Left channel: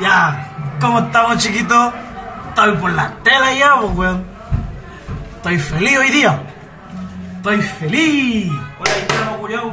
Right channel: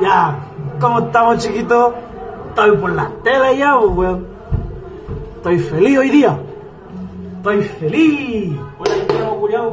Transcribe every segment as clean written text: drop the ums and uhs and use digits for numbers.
Ya, ¿cómo estamos, chiquitos? Estoy por la tele ya, pues, weón. Estoy feliz hoy día. Estoy feliz. Hola, haitiano culiao.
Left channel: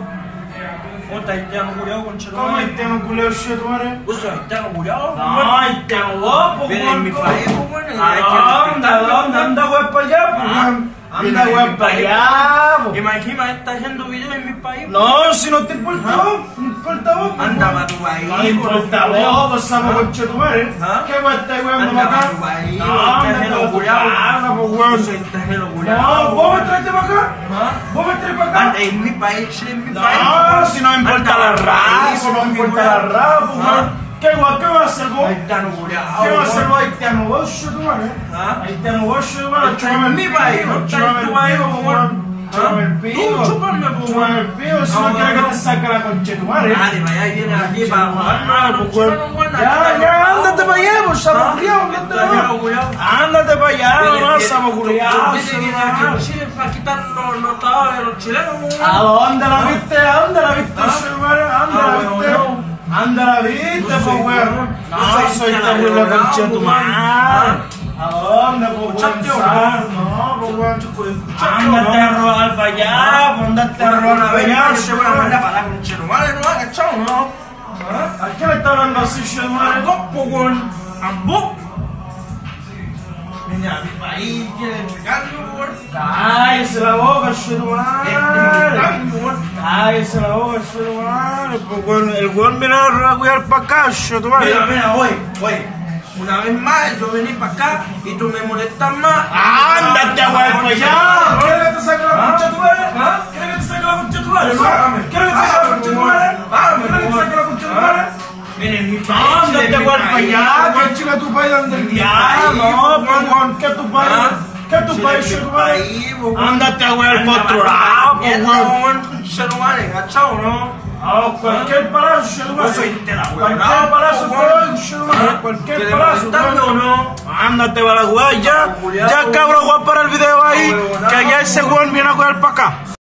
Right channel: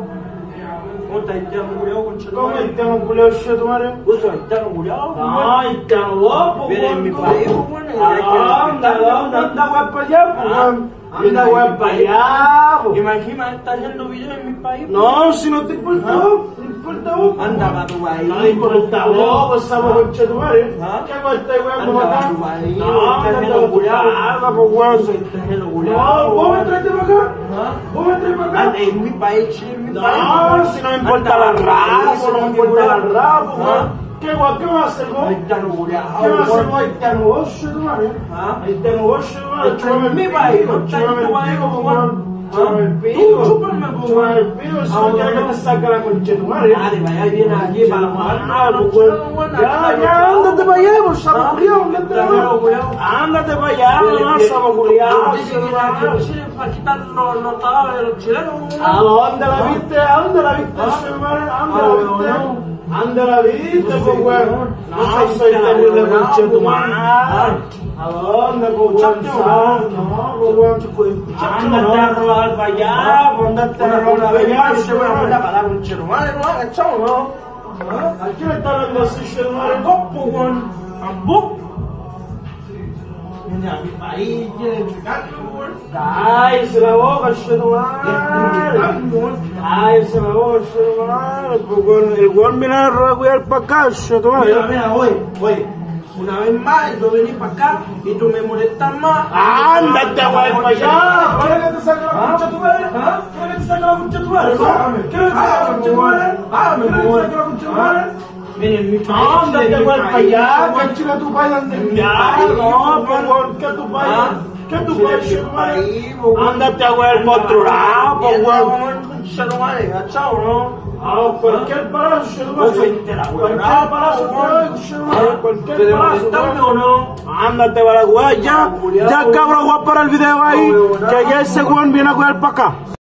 ¿Cómo estás, haitiano culiao, conchetumare? ¿Cómo haitiano culiao, chetumare? ¿Vos sos haitiano culiao? No, haitiano vos, pues, Viene en mi país, pues, weón. ¿Dónde? Anda, weón, para allá, pues, weón. Anda, weón, para allá, pues. Imagina, estás haciendo videos en mi país. No, si no te importa vos, no importa vos. Anda para tu país. No importa vos, pues, sapo, conchetumare. ¿Ah? ¿Qué weón estás weando Anda para acá? pa' tu país, No, extranjero anda culiao. para tu casa, pues, weón. Soy extranjero No, culiao. vos me traiste para acá. ¿Ah? Vos me traes para acá. Anda, en mi país, Chile, en mi país. No, si no me importa la raza, no me importa la raza, ¿Ah? ¿Qué guay? ¿Qué vas a hacer vos? Haitiano culiao. ¿Qué vas a hacer vos, haitiano vos, chetumare? ¿Ah? Haitiano vos, chetumare, Está en mi país, no está en tu país, chúpame po, el weón. pico, chúpame el pico. Tú chúpame, po, Chúpame el weón. pico, si Ah, no quieres que weón. te saque la conchetumare. Dale, para allá y vienes aquí para jugar. pues, weón. Ya, ándate para allá, pues, sapo culiao, ándate para allá. Ándate para allá, no, sapo culiao, chetumare. Chile para quitarnos los trabajos de los chilenos. ¿A dónde la viste? ¿A dónde la viste, chetumare? ¿A dónde la weón, viste? no. Anda la viste, No pues, soy weón. weón. No, No soy soy terrible weón, conche tu weón. madre. ¿A dónde, pues, weón? ¿Escuchaste o no? No, pues, weón. ¿Escuchaste o Ándate no? a robar para allá, pues, ándate a robar Una para vez allá. más, yo te voy a mandar para la concha de tu madre, ¿no? ¿Cachao, no? ¿A qué le está hablando así, che, tu A madre? vos, pues, weón. A vos. Viene a mi país, quiere pegarme, weón. Cállese la boca, che, tu madre. Cállese la boca, che, tu madre. Pues, weón, el weón viene a cuidar para acá, che, tu madre. Mira, voy. Una vez más, yo vení para acá y tú me molestas más. Ándate a jugar para allá. ¿Quieres que te saque la concha de tu madre? ¿Ah? ¿Quieres que te saque la concha de tu madre? Págame. ¿Quieres que te saque la concha de tu madre? Págame, ¿Quieres que te por saque la concha de tu madre? Mira, en mi país. Ándate a jugar para allá. ¿Qué chica tu país donde el diablo? No, pues, weón, ¿qué tu país? ¿Qué tu país, che, tu madre? Ándate a jugar para otro lado, pues, weón. ¿Cachao, no? Cualquier palazo, che, tu Vos sois madre. de la Cualquier weá, palazo te doy, che, tu madre. Cualquier ¿Quieres palazo, molestarme o weón. no? Ándate para la weá, ya. Ya, cabrón, weón, para el video ahí. Que ya ese weón viene a jugar para acá.